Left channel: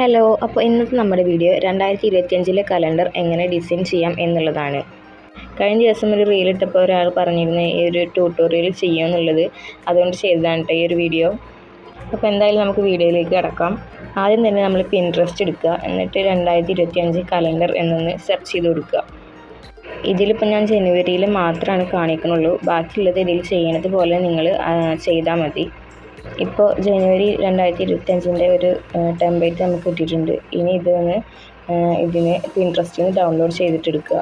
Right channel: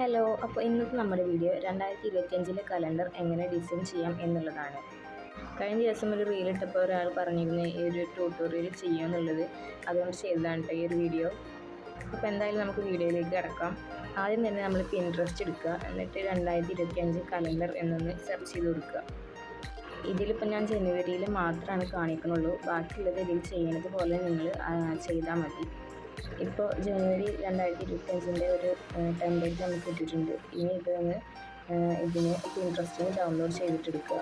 Hello, അപ്പോൾ ഇന്നത്തെ നമ്മുടെ വീഡിയോ 2025 കലണ്ടർ എങ്ങനെ ഡിസൈൻ ചെയ്യാം എന്നുള്ളതാണ്. കഴിഞ്ഞ ദിവസം ഒരു റീൽ ഇട്ടപ്പോൾ ഒരാൾ പറഞ്ഞിരുന്നു ഈ ഒരു ട്യൂട്ടോറിയൽ ചെയ്യുമെന്നുള്ളത്. അതുകൊണ്ട് ചെയ്തതാണ് കേട്ടോ ഈ ഒരു വീഡിയോ. അപ്പോൾ എന്തായാലും നമുക്ക് വീഡിയോയിലേക്ക് കിടക്കാം. ആദ്യം തന്നെ നമ്മൾ പിൻട്രസ്റ്റ് എടുക്കുക, എന്നിട്ട് 2025 കലണ്ടർ എന്നൊന്ന് സെർച്ച് ചെയ്ത് കൊടുക്കുക. ഇതിലിപ്പോൾ ഞാൻ ജനുവരിയിൽ മാത്രമാണ് കാണിക്കുന്നുള്ളൂ. ബാക്കിയുള്ളത് ഇതിൽ ചെയ്യണത് പോലെ നിങ്ങൾ ചെയ്താൽ മതി. ഇപ്പോൾ ജനുവരി 2025 ഒരു ടെംപ്ലേറ്റ് നമുക്ക് കിട്ടിയിട്ടുണ്ട്. ഇനി ഇതിന് പിൻട്രസ്റ്റിൽ നിന്ന് ഡൗൺലോഡ് ചെയ്തിട്ടെടുക്കുക.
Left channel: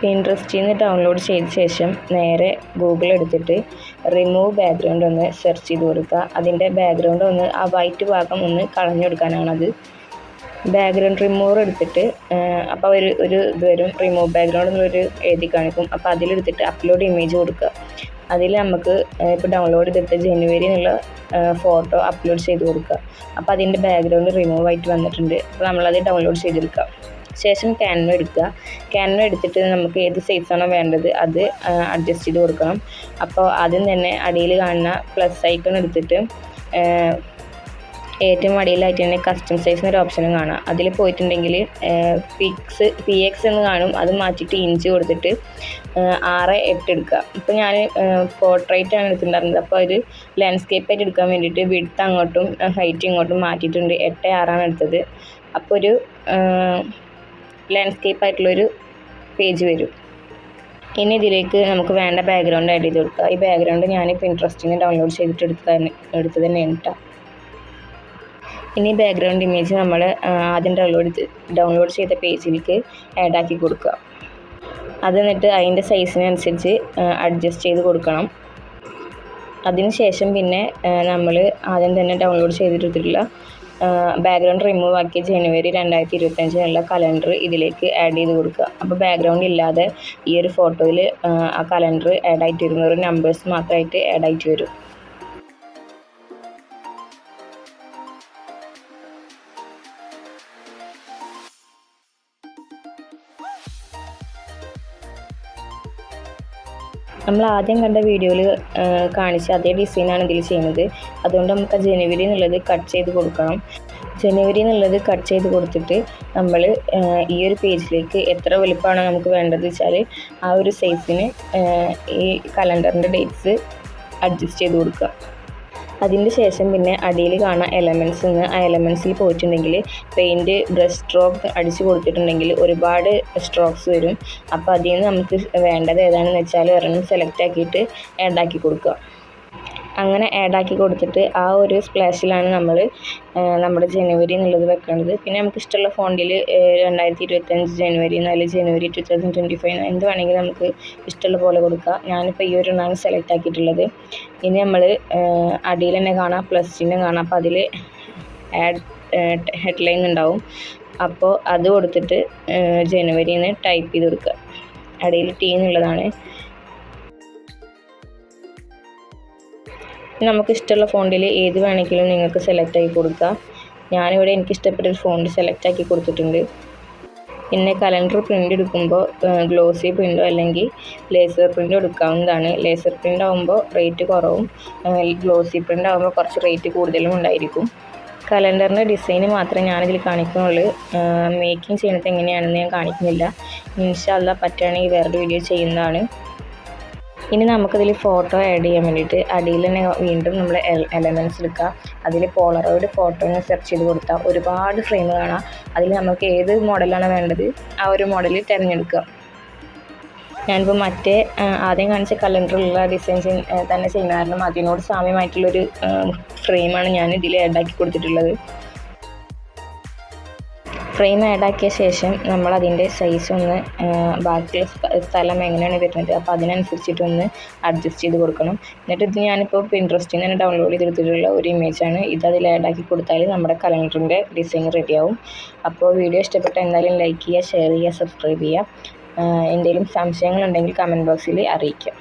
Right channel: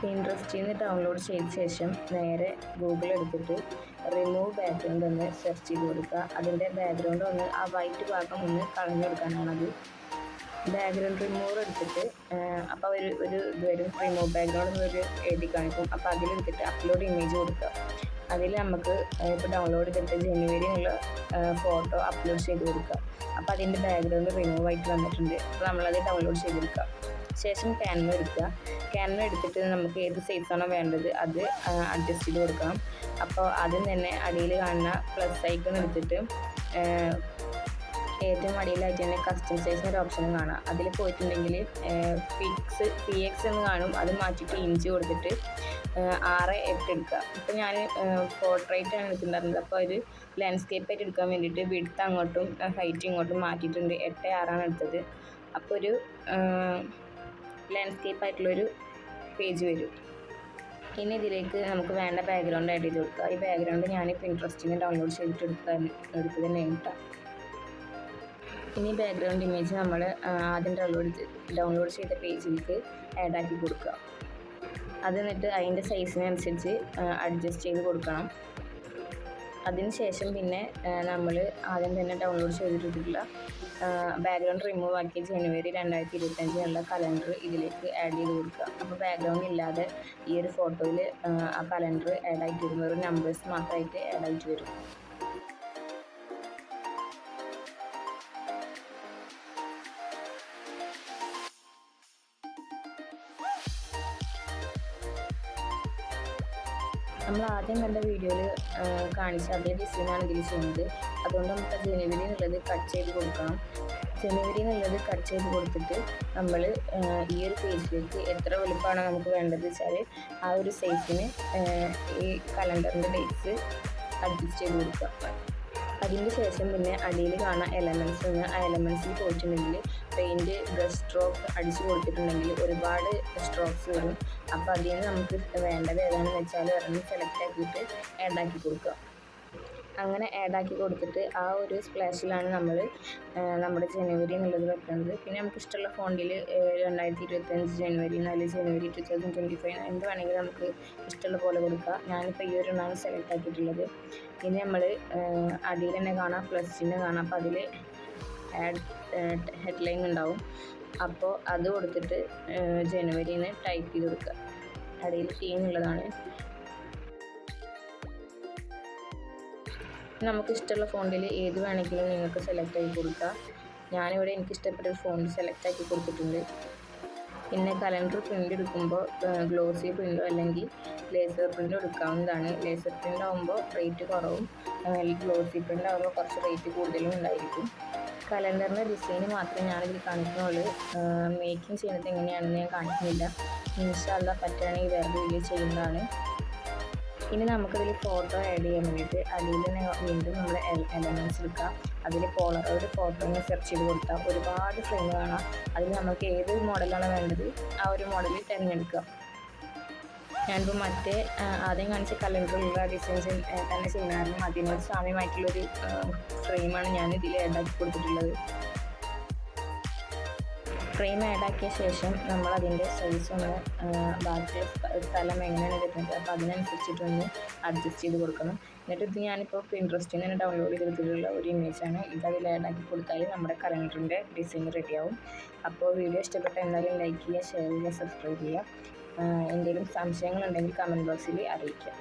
പിൻട്രസ്റ്റിൽ നിന്ന് ഡൗൺലോഡ് ചെയ്ത ശേഷം നേരെ ഗൂഗിൾ എടുത്തിട്ട് റിമൂവ് ബാക്ക്ഗ്രൗണ്ട് ഒന്ന് സെർച്ച് ചെയ്ത് കൊടുക്കുക. അതിൻ്റെ ബാക്ക്ഗ്രൗണ്ട് ആ വൈറ്റ് ഭാഗം ഒന്ന് കളഞ്ഞെടുക്കാനാണത്. ബാക്ക്ഗ്രൗണ്ട് റിമൂവർ എടുത്തിട്ട് അപ്പോൾ ഒരു ഇത് വരും, റിമൂവ് ബാക്ക്ഗ്രൗണ്ട് എന്നുള്ളൊരു എഴുതി കാണിക്കും. അപ്പോൾ അതിലെടുത്തിട്ട് അപ്ലോഡ് ഇമേജ് കൊടുക്കുക. അതിൽ നമുക്ക് ഇപ്പോൾ ഡൗൺലോഡ് ചെയ്തിട്ട് ജനുവരി എന്നുള്ള ഫോട്ടോ അപ്ലോഡ് ചെയ്ത് കൊടുക്കുക. അപ്പോൾ അതിൻ്റെ ബാക്ക്ഗ്രൗണ്ട് റിമൂവ് ആയിട്ട് വന്നിട്ടുണ്ട്. അപ്പോൾ നമ്മളത് ഡൗൺലോഡ് ചെയ്തെടുക്കുക. ശേഷം ക്യാൻവ എടുക്കുക. ക്യാൻവ എടുത്തിട്ട് നമുക്ക് ഏത് സൈസാണോ വേണ്ടത് അത് അഡ്ജസ്റ്റ് ചെയ്ത് കൊടുക്കണം. അപ്പോൾ ആദ്യം തന്നെ അടിയിൽ കാണുന്ന പ്ലസ് ഐക്കൺ എടുത്തിട്ട് ഏറ്റവും അടിയിലായിട്ട് തന്നെ കസ്റ്റം സൈസ് എന്നൊരു ഓപ്ഷനും കാണാം. അതിൽ പോയിട്ടുണ്ടെങ്കിൽ PX എന്ന് കാണും. അത് മാറ്റിയിട്ട് ഇഞ്ച് കൊടുത്തിട്ട് 6:8 എടുക്കുക. ഇപ്പോൾ ഞാൻ പോർട്രേറ്റാണ് എടുത്തിട്ടുണ്ടായിരുന്നത്. അപ്പോൾ ഒരു ലാൻഡ്സ്കേപ്പായിട്ട് എടുക്കാൻ വേണ്ടിയിട്ട് വിഡ്ത്ത് അങ്ങോട്ടും ഹൈറ്റ് ഇങ്ങോട്ടും മാറ്റിയിട്ടുണ്ട്. 8:6 എടുത്തത്. അപ്പോൾ ഒരു ലാൻഡ്സ്കേപ്പായിട്ടുള്ളൊരു പേജ് വരും. ഇനി ഇതിലേക്ക് നമുക്ക് വേണ്ട ബാക്ക്ഗ്രൗണ്ട് ആഡ് ചെയ്ത് കൊടുക്കുക. ഈ ബാക്ക്ഗ്രൗണ്ട് ഞാൻ പിൻട്രസ്റ്റിൽ നിന്ന് ഡൗൺലോഡ് ചെയ്തിട്ട് എടുത്തത് തന്നെയാണ് കേട്ടോ. ഇനി ബാക്ക്ഗ്രൗണ്ട് ഇമേജ് നമ്മൾ ആദ്യം ഡൗൺലോഡ് ചെയ്ത പേജിലേക്ക് ആഡാക്കി കൊടുക്കുക. അത് എന്നിട്ട് അതിൻ്റെ സൈസിനനുസരിച്ച് അഡ്ജസ്റ്റ് ചെയ്ത് കൊടുക്കണം. അതിനുശേഷം പിന്നെ നമ്മൾ ആദ്യം തന്നെ ഡൗൺലോഡ് ചെയ്തിട്ടുള്ള ബാക്ക്ഗ്രൗണ്ട് റിമൂവ് ആക്കിയ ജനുവരി 2025 കലണ്ടർ ഇതിലേക്ക് ആഡ് ചെയ്ത് കൊടുക്കുക. അപ്പോൾ ബാക്ക്ഗ്രൗണ്ട് ഇല്ലാതെ ഈ ഒരു ഫോട്ടോയിൽ ആ കലണ്ടർ ആഡ് ആയിട്ട് വരുന്ന ഒരു നമ്പേഴ്സ് മാത്രമായിട്ട് ആഡ് ആയിട്ട് വരും. നമ്മൾ ആദ്യം കണ്ട വീഡിയോയിൽ കാണിച്ച അതേ ഡിസൈനാണ് ഇതിൽ ചെയ്യുന്നത്. അതുകൊണ്ട് നമുക്ക് ജനുവരി എന്നുള്ളത് കട്ട് ചെയ്ത് കൊടുക്കണം. ജനുവരി എന്നുള്ളത് കട്ട് ചെയ്ത് കൊടുത്തിട്ട് നമ്മൾ ഈ ഒരു പേജിലേക്ക് എത്ര വലുപ്പമാണോ നമുക്ക് വേണ്ടത് വെച്ചാൽ ആ ഒരു സൈസിന് ഈ കലണ്ടറിൻ്റെ ഡേറ്റ്സ് അഡ്ജസ്റ്റ് ചെയ്ത് കൊടുക്കുക. അതിൻ്റെ ശേഷം പിന്നെ അടിയിൽ കാണാൻ ആ എലമെൻസിൽ പോയിട്ടുണ്ടെങ്കിൽ പെയിൻറ്റ് ബ്രഷ് സ്ട്രോക്ക് അടിച്ച് കൊടുത്തിട്ടുണ്ടെങ്കിൽ ഒരുപാട് സ്ട്രോക്സ് വരും. അപ്പോൾ അതിൽ നിന്ന് നമുക്ക് വേണ്ടത് ഏതാണെന്ന് വെച്ചാൽ ഒരെണ്ണം സെലക്ട് ആക്കിയിട്ട് ആഡാക്കി കൊടുക്കുക. അങ്ങനെ ആഡാക്കി കൊടുത്തിട്ട് ആ ഒരു സ്പ്ലാഷിലാണ് നമ്മൾ നമ്മുടെ ജനുവരി എന്നുള്ളത് വെക്കേണ്ടത്. പിന്നെ നമുക്ക് ഇഷ്ടമുള്ള ഫോണ്ടിൽ 2025 ജനുവരി അല്ലെങ്കിൽ ജനുവരി 2025 എന്ത് വേണമെങ്കിലും നമുക്ക് ഇഷ്ടമുള്ള പോലെ കൊടുക്കുക. ഞാനിപ്പോൾ ഈ ഒരു എണ്ണമാണ് സെലക്ട് ആക്കിയിട്ടുള്ളത്. ഇനി നമ്മൾ അടിയിൽ തന്നെ കാണാം, പ്ലസ് ചിഹ്നം കാണാം. അപ്പോൾ അതിൽ ഹെഡ്ലൈൻ ഉണ്ടാവും. അപ്പോൾ അത് കൊടുത്തിട്ട് ജനുവരി എന്ന് ടൈപ്പ് ചെയ്ത് കൊടുക്കുക. അടിയിൽ T എന്നുള്ളതാണ്. നമുക്ക് ഇഷ്ടമുള്ള ഫോണ്ടിൽ ഏത് വേണമെങ്കിലും നിങ്ങൾക്ക് സെലക്ട് ആക്കി കൊടുക്കുക. ഞാനിവിടെ എനിക്ക് ഇഷ്ടപ്പെട്ടൊരു ഫോണ്ട് സെലക്ട് ആക്കി കൊടുത്തിട്ടുണ്ട്. പിന്നെ കലണ്ടർ പ്രിൻ്റ് എടുക്കുമ്പോൾ ഗ്ലോസി പ്രിൻ്റോ അല്ലെങ്കിൽ ലേസർ പ്രിൻ്റോ എടുക്കാവുന്നതാണ്. ലേസർ പ്രിൻ്റ് ആകുമ്പോൾ റേറ്റ് കുറവും, ഗ്ലോസി പ്രിൻ്റ് ആകുമ്പോൾ കുറച്ച് റേറ്റ് കൂടുതലും ഉണ്ടായിരിക്കും. കലണ്ടറിൻ്റെ ഡിസൈന് മാത്രമേ ഞാനിതിൽ കാണിക്കുന്നുള്ളൂ. മേക്കിംഗ് ചെയ്യുന്നത് എങ്ങനെയാണെന്ന് ഞാൻ കാണിക്കുന്നില്ല. ഇൻഷാ അല്ലാഹ് പറ്റുകയാണെങ്കിൽ വേറൊരു വീഡിയോ ചെയ്യുന്നതാണ്. ഇനി നമുക്കതിൽ ഫോട്ടോ ആഡ് ചെയ്യാൻ വേണ്ടിയിട്ട് അടിയിൽ തന്നെ വീണ്ടും നമ്മൾ എലമെൻറ്റ്സ് എടുക്കുക. അതിൽ പോളറോയിഡ് ഫോട്ടോനെ സെർച്ച് ചെയ്ത് കൊടുത്താൽ ഒരുപാട് ഫ്രെയിം കാണാം. അതിൽ നമുക്ക് ഏത് മോഡലാണ് വേണ്ടത് ആ ഒരു മോഡൽ തിരഞ്ഞെടുക്കുക. ഞാനിപ്പോൾ ആദ്യം കാണിച്ച കലണ്ടറിലുള്ള ഡിസൈൻ തന്നെ ചെയ്യുന്ന കാരണം അതിനോട് സാമ്യമായിട്ടുള്ളൊരു ഫ്രെയിമാണ് ഞാൻ ഇതിൽ ആഡാക്കി കൊടുത്തിട്ടുള്ളത്. ഫ്രെയിം ആഡാക്കിയ ശേഷം നമ്മൾ അതിൻ്റെ സൈസ് ഒന്ന് ബാക്കിയുള്ള സ്ഥലം എങ്ങനെയാണ് വരുന്നത് അപ്പോൾ അതിനനുസരിച്ചിട്ടൊന്ന് അഡ്ജസ്റ്റ് ചെയ്ത് കൊടുക്കണം. എന്നിട്ട് ഇത് ഞാനിപ്പോൾ പിൻട്രസ്റ്റിൽ നിന്ന് ഡൗൺലോഡ് ചെയ്തെടുത്തിട്ടുള്ള ഒരു ഇമേജാണ്. ഇത് അതിൽ ആഡാക്കി കൊടുത്താൽ നമ്മുടെ കലണ്ടറിൻ്റെ ഡിസൈൻ റെഡിയാവും. അപ്പോൾ വീഡിയോ ഇഷ്ടപ്പെട്ടാൽ എന്തായാലും ലൈക്ക് ചെയ്യുക, ഷെയർ ചെയ്യുക, സബ്സ്ക്രൈബ് ചെയ്യുക. എന്തെങ്കിലും സംശയങ്ങളുണ്ടെങ്കിൽ കമൻറ്റ് ബോക്സിൽ അറിയിക്കുക.